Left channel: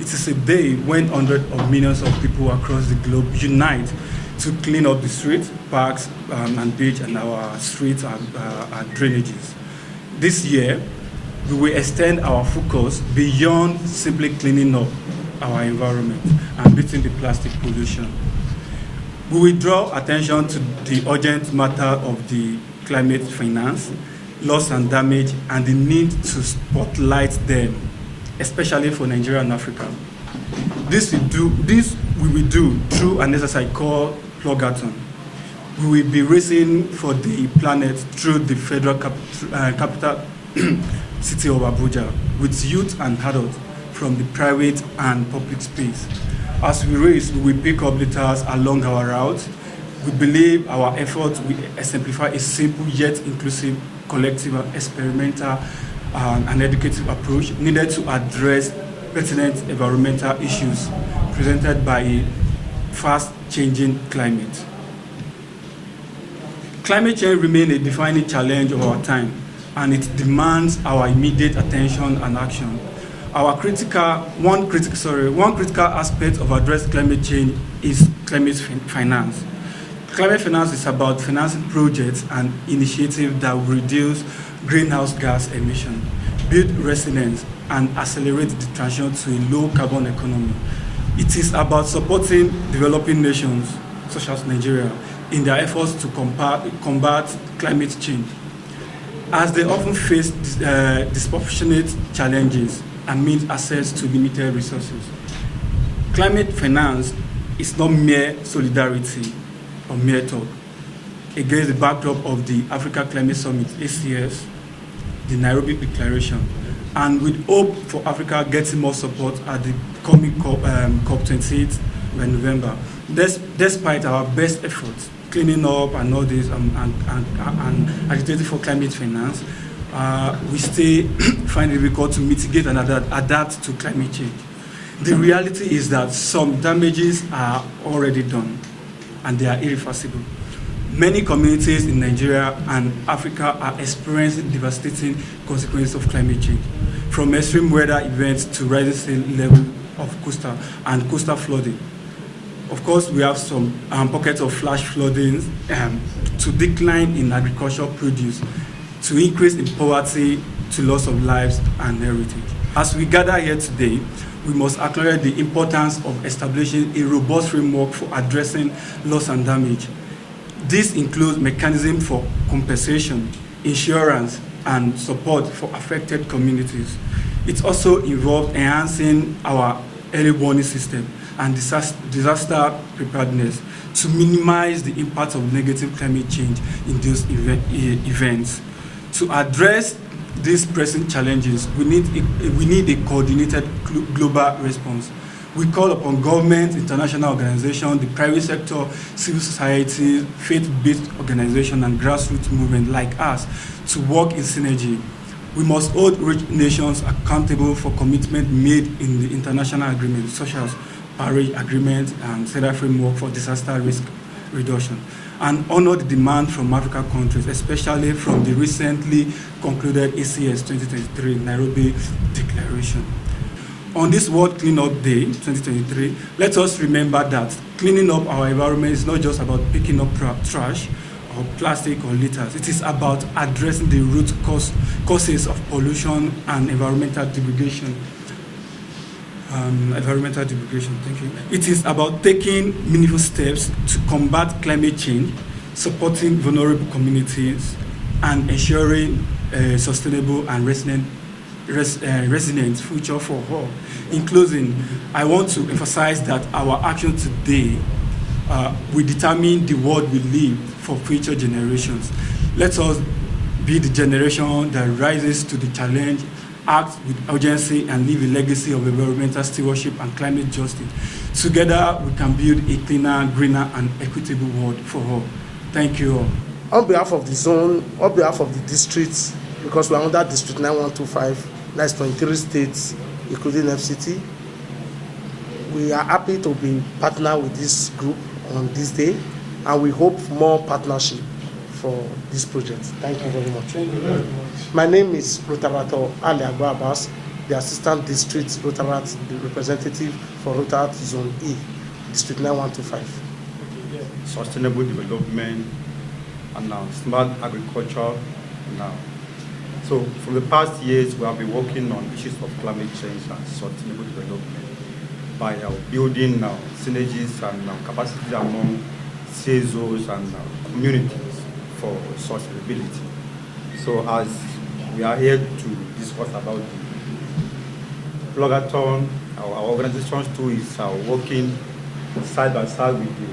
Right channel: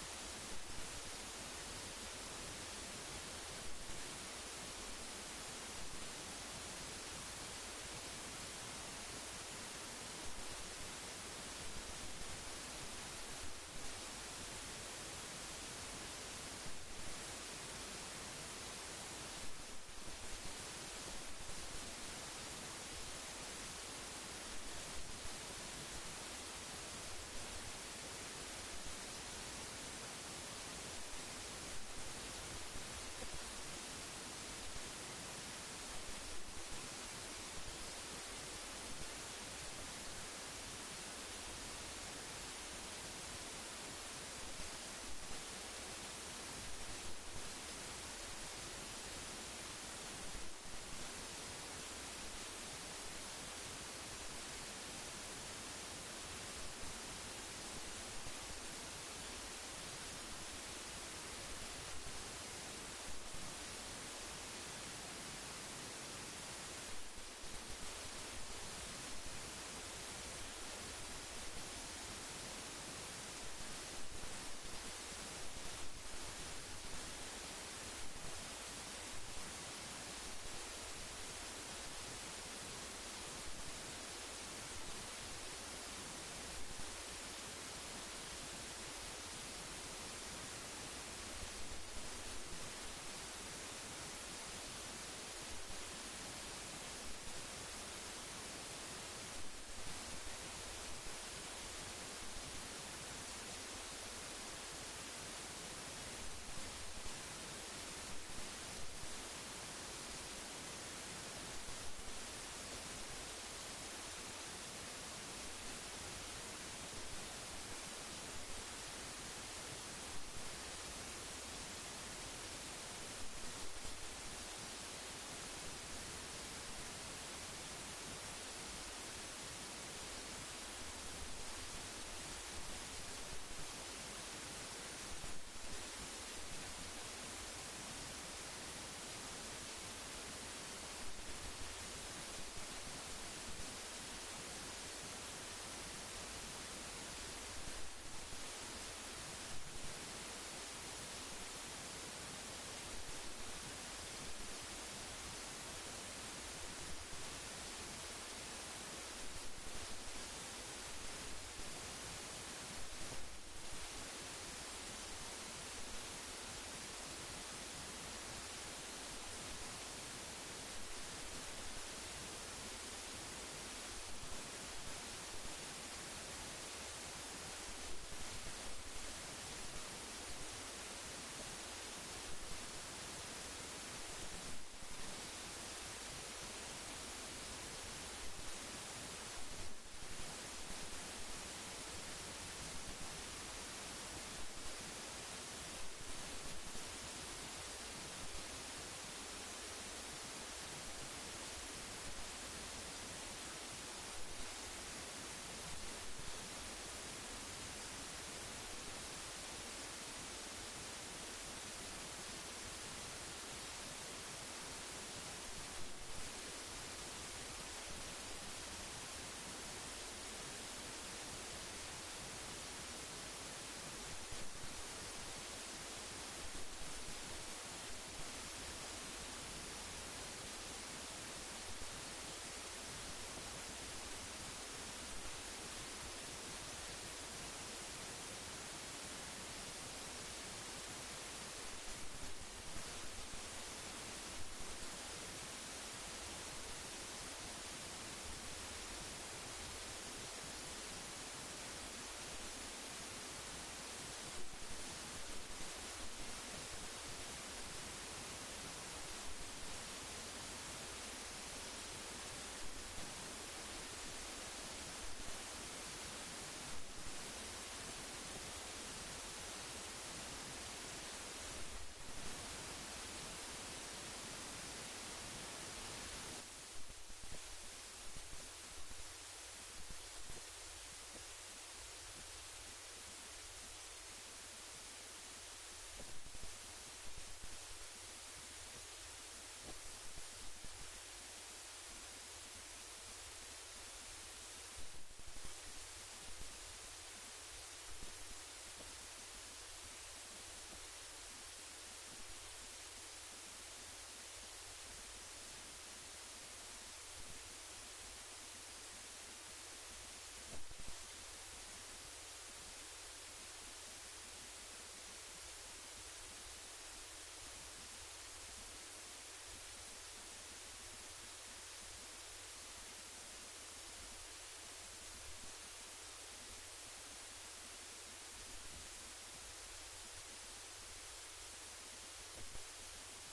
It is a day when hundreds of millions of people across the globe unite to clean up the streets, parks, and beach, and our streets and drainages. This year, we will extend our focus beyond simply cleaning up our environment and beating the plastic pollution. We will draw attention to the urgent matter of the climate finance, loss and damage, and the need to spotlight them, especially for Nigeria and Africa. This we will do through an exercise called PLOGGING. We will be racing for the planet through the federal capital city of Abuja with youth and adults from the private and public space. As we race, we will pick up litters along our route. We believe our efforts will exemplify a simple yet inclusive, collective, experimental, and educative approach needed to address pertinent environmental issues presented by a fast-changing climate. Climate change remains a defining challenge of our time, and it demands our immediate attention and action. One critical aspect of addressing climate change is climate finance. Climate finance is about financing projects and initiatives that will reduce greenhouse gas emissions, build resilience, and accelerate the transition to a low-carbon economy. It is about supporting developing nations, such as Nigeria, in their efforts to combat climate change, as they often face disproportionate challenges and meet access to limited resources. Climate finance is not mere solidarity or mere talk. Against the backdrop of the Africa Climate Summit, ACS, the Nairobi Declaration, and with hope for Africa getting more support at the coming COP28 in November. Despite our best efforts, cleaning up and all this, and agitating for climate finance, we still find it difficult to mitigate and adapt to climate change. The reality is that some damages are already done, and they are irreversible. Many communities in Nigeria and Africa are experiencing devastating consequences of climate change, from extreme weather events to rising sea level of coastal flooding. Of course, we have some pockets of flash flooding, to decline in agricultural produce, to increase in poverty, to loss of lives and heritage. As we gather here today, we must acknowledge the importance of establishing a robust framework for addressing loss and damage. This includes mechanisms for compensation, insurance, and support for affected communities. It also involves enhancing our early warning system and disaster preparedness to minimize the impact of negative climate change in those events. To address these pressing challenges, we need a coordinated global response. We call upon governments, international organizations, the private sector, civil society, faith-based organizations, and grassroots movements like us to work in synergy. We must hold rich nations accountable for commitments made in the international agreements, such as Paris Agreement and Federal Framework for Disaster Risk Reduction, and honor the demand from African countries, especially from the recently concluded ACS 2023 Nairobi Declaration. On this World Cleanup Day 2023, let us remember that cleaning up our environment is not just about picking up trash or plastic or litters. It is about addressing the root causes of pollution and environmental degradation. Thank you. It is about taking meaningful steps to combat climate change, supporting vulnerable communities, and ensuring a sustainable and resilient future for all. In closing, I want to emphasize that our action today will determine the world we live for future generations. Let us be the generation that rises to the challenge, act with urgency, and leave a legacy of environmental stewardship and climate justice. Together, we can build a cleaner, greener, and equitable world for all. Thank you all. On behalf of the zone, on behalf of the districts, because we are under District 9125, that's 23 states, including FCT, we are happy to be partner with this group on this day, and we hope more partnership for this project. Thank you very much. Thank you very much. My name is Rotarato Ali Abbas. the Assistant District Rotaract representative for Rotaract Zone E, District 9125. Sustainable development and now smart agriculture now. So for the past years, we have been working on issues of climate change and sustainable development by building synergies and capacity among CSOs and communities for sustainability. So as we are here to discuss about the Ploggathon, our organization too is working side by side with the